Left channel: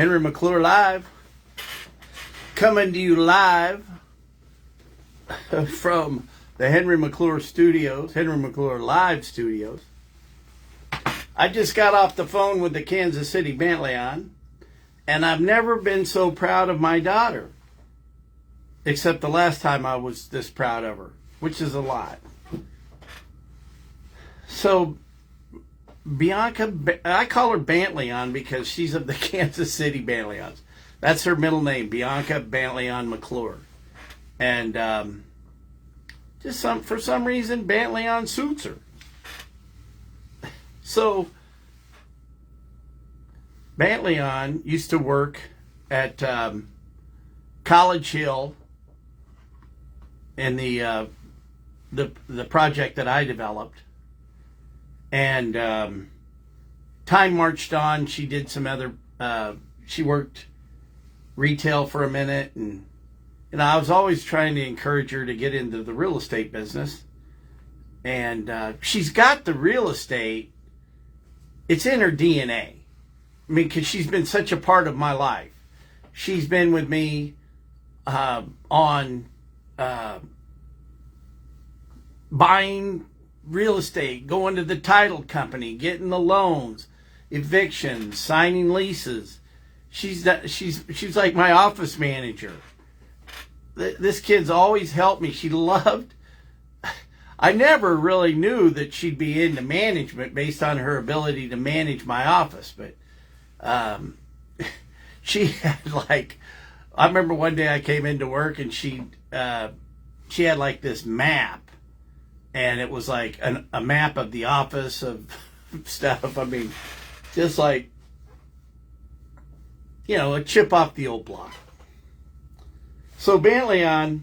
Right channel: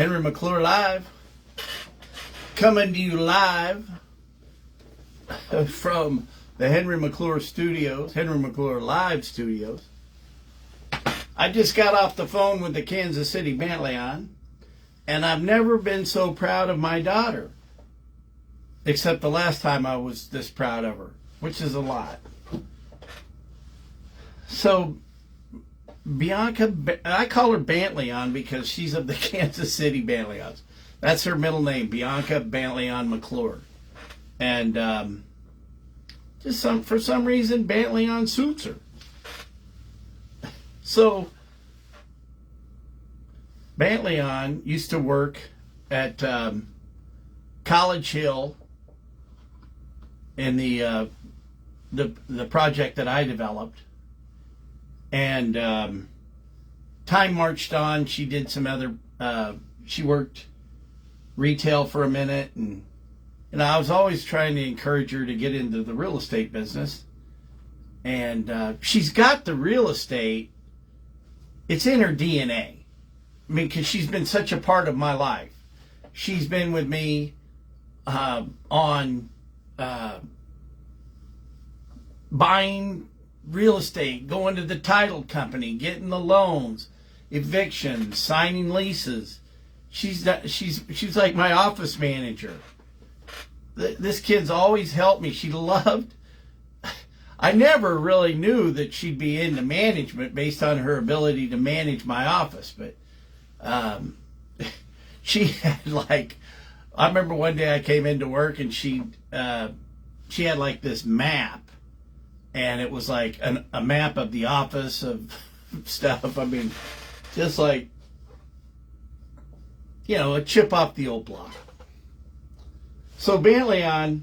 Henry McClure live, coming to you live from the Henry McClure studios, Henry McClure live studios. I just got off the phone with the Kansas City Bentley on, and I've never been so proud of my daughter, except the last time I was this proud of her, which is a lot. So Bianca, I call her Bantleon because she's of the Kansas City Bantleons. That's her middle name, Bianca Bantleon McClure. And for some reason, Bantleon suits her. So Bantleon used to work at College Hill in the project that I developed. And time marched on. She did some other, she worked retail for a minute. And I was always trying to encourage her to get into the real estate business. And she's got the real estate. It's in her DNA. I mean, because she's been such a part of my life. She's been with me on buying real estate, going to the title company, getting the loans, evictions, signing leases. She's like my office manager. This kid's always helped me. She loved. I never really knew that she'd be into management based on her ability to manage my office, but she had like. I remember one day I came into work and she had like this map. And it was like a map of the office of stuff. I mean, just like, a chip off the old block. So Bantleon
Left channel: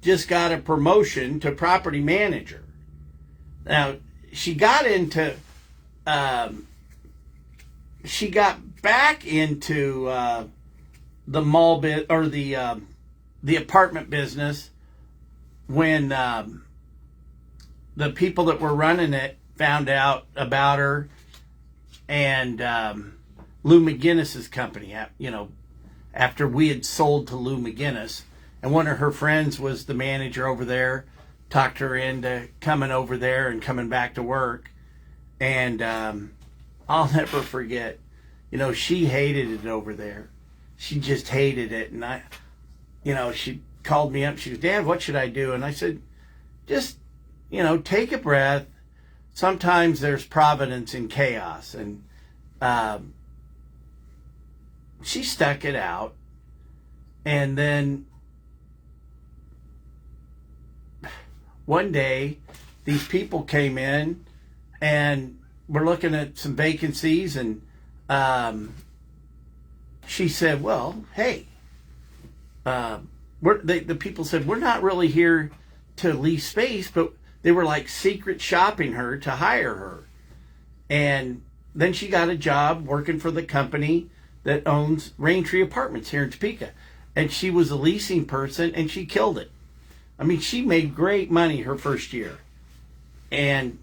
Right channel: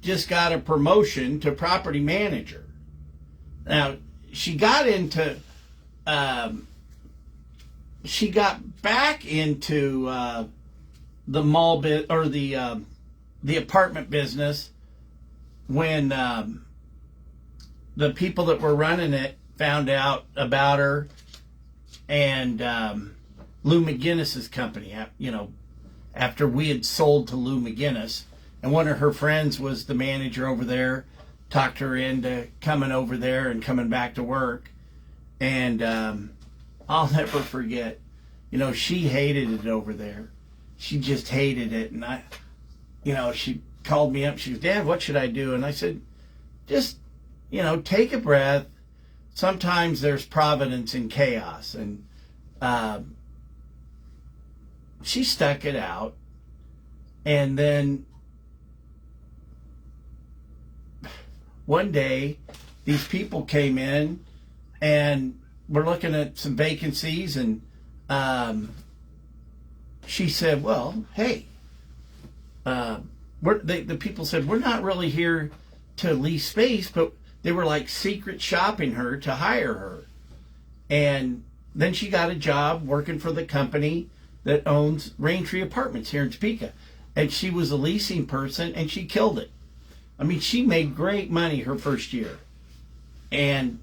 just got a promotion to property manager. Now, she got back into the mall bit or the apartment business when the people that were running it found out about her and Lou McGinnis's company, after we had sold to Lou McGinnis. And one of her friends was the manager over there, talked her into coming over there and coming back to work. And I'll never forget, she hated it over there. She just hated it. And she called me up. She goes, "Dad, what should I do?" And I said, just take a breath. Sometimes there's providence in chaos. And she stuck it out. And then one day, these people came in and we're looking at some vacancies. And she said, "Well, hey, the people said, we're not really here to lease space," but they were like secret shopping her to hire her. And then she got a job working for the company that owns Raintree Apartments here in Topeka. And she was a leasing person and she killed it. I mean, she made great money her first year. And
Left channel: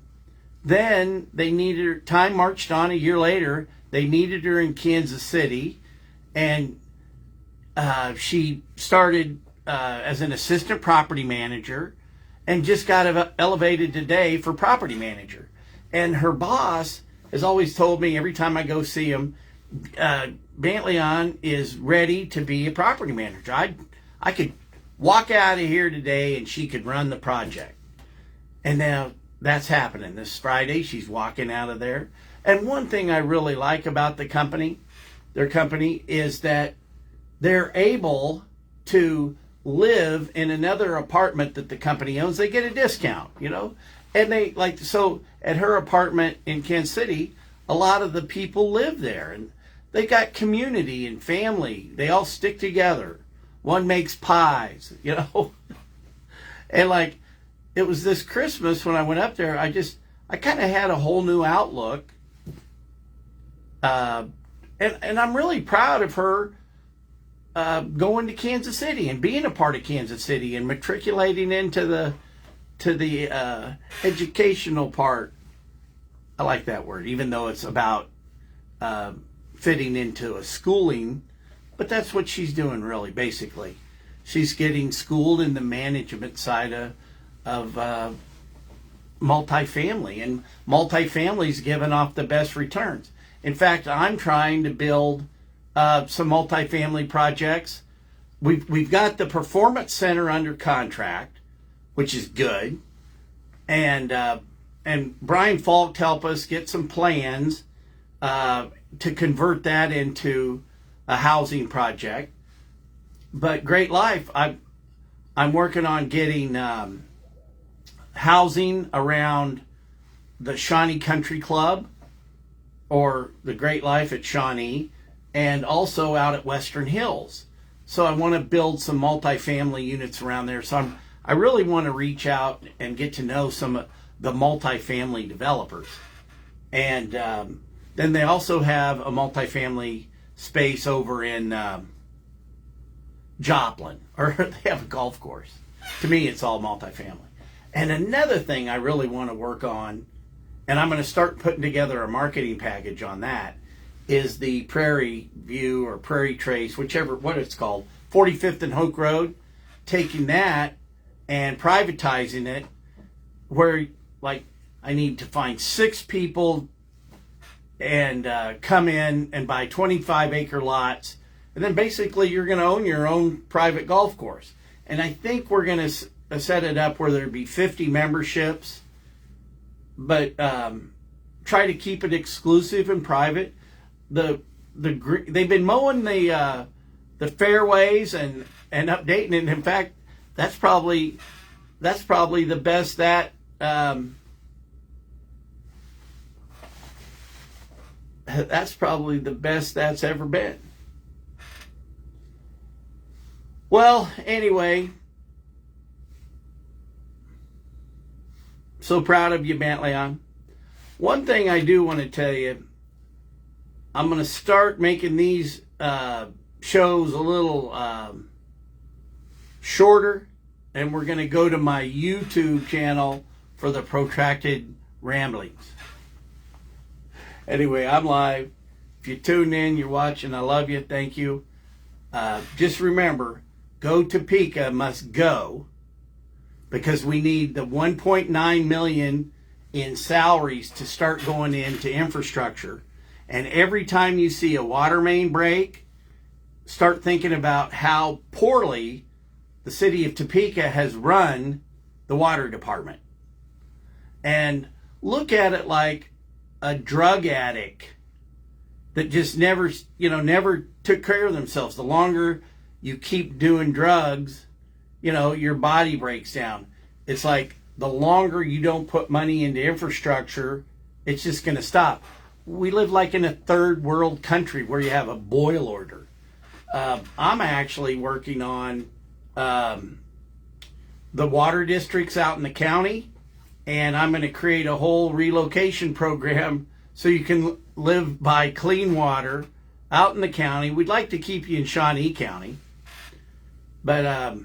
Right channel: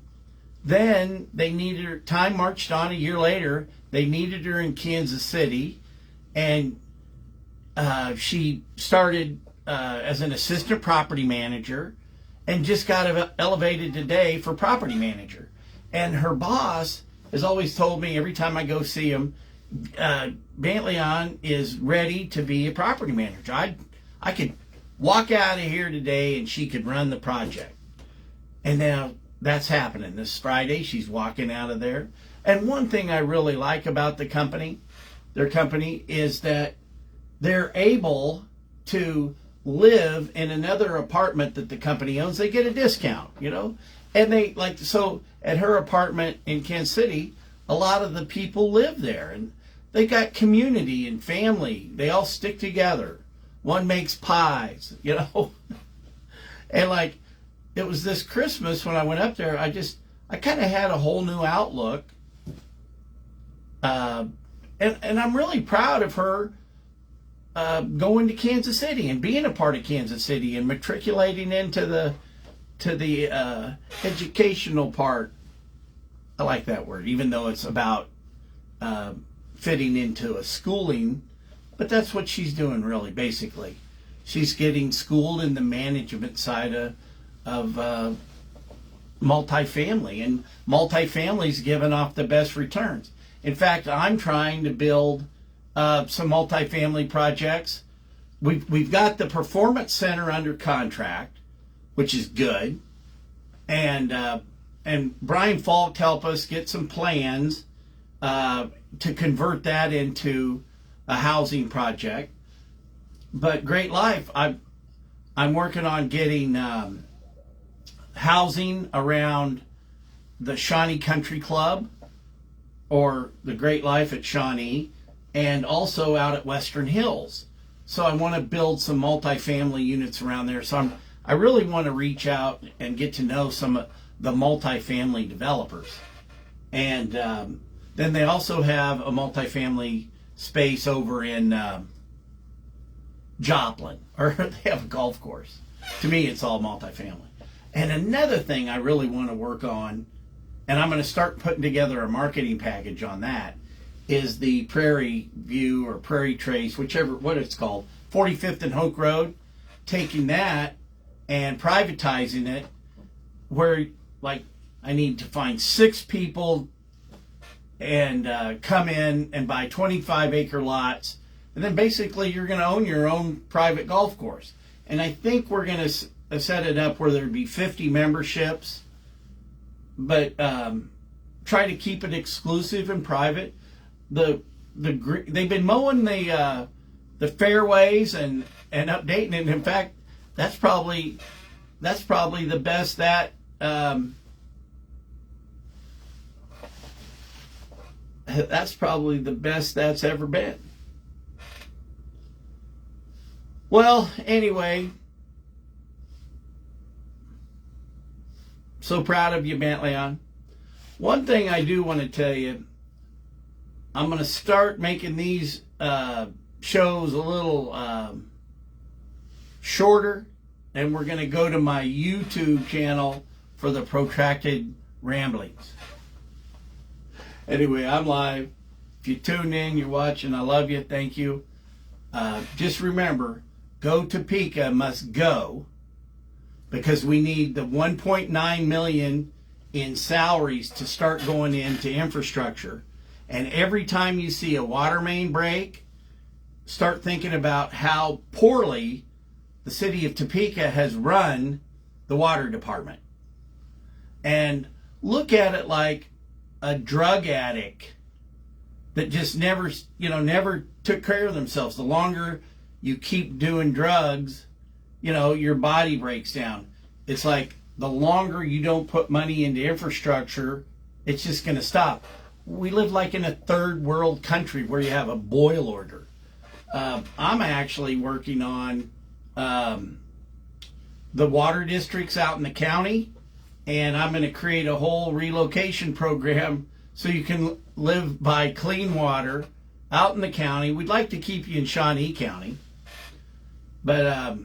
then they needed her, time marched on a year later, they needed her in Kansas City. And she started as an assistant property manager and just got elevated today for property manager. And her boss has always told me every time I go see him, Bantleon is ready to be a property manager. I could walk out of here today and she could run the project. And now that's happening. This Friday, she's walking out of there. And one thing I really like about their company, is that they're able to live in another apartment that the company owns. They get a discount, and they so at her apartment in Kansas City, a lot of the people live there and they got community and family. They all stick together. One makes pies, and it was this Christmas when I went up there, I kind of had a whole new outlook. And I'm really proud of her going to Kansas City and being a part of Kansas City and matriculating into the educational part. I like that word, even though it's about fitting into a schooling, but that's what she's doing really, basically. She's getting schooled in the management side of multifamily, and multifamily's giving off the best returns. In fact, I'm trying to build some multifamily projects. We've got the Performance Center under contract, which is good, and Brian Falk helped us get some plans to convert that into a housing project. But Great Life, I'm working on getting housing around the Shawnee Country Club, or the Great Life at Shawnee, and also out at Western Hills. So I want to build some multifamily units around there. So I really want to reach out and get to know some of the multifamily developers. And then they also have a multifamily space over in Joplin, or they have a golf course. To me, it's all multifamily. And another thing I really want to work on, and I'm going to start putting together a marketing package on that, is the Prairie View or Prairie Trace, whichever, what it's called, 45th and Hoke Road, taking that and privatizing it, where, like, I need to find 6 people and come in and buy 25-acre lots, and then basically you're going to own your own private golf course. And I think we're going to set it up where there'd be 50 memberships, but try to keep it exclusive and private. They've been mowing the fairways and updating it. In fact, that's probably the best that that's probably the best that's ever been. Well, anyway, so proud of you, Bantleon. One thing I do want to tell you, I'm going to start making these shows a little shorter, and we're going to go to my YouTube channel for the protracted ramblings. Anyway, I'm live. If you tune in, you're watching, I love you. Thank you. Just remember, Go Topeka must go, because we need the 1.9 million in salaries to start going into infrastructure. And every time you see a water main break, start thinking about how poorly the city of Topeka has run the water department. And look at it like a drug addict that just never took care of themselves. The longer you keep doing drugs, your body breaks down. It's like the longer you don't put money into infrastructure, it's just going to stop. We live like in a third world country where you have a boil order. I'm actually working on the water districts out in the county, and I'm going to create a whole relocation program so you can live by clean water out in the county. We'd like to keep you in Shawnee County, but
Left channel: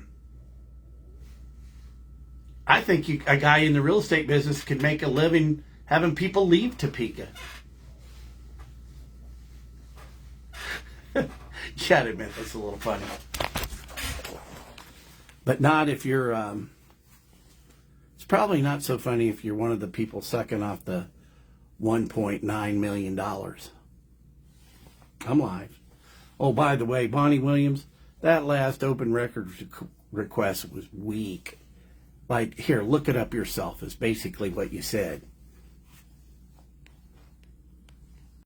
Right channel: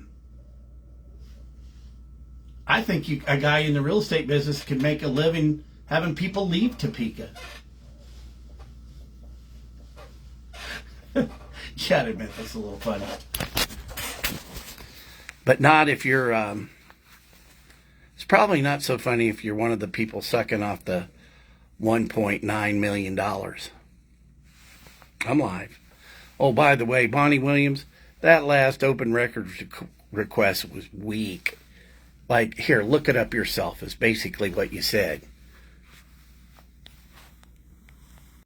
I think a guy in the real estate business could make a living having people leave Topeka. You gotta admit, that's a little funny. But not if you're, it's probably not so funny if you're one of the people sucking off the $1.9 million. I'm live. Oh, by the way, Bonnie Williams, that last open records request was weak. Like, here, look it up yourself, is basically what you said.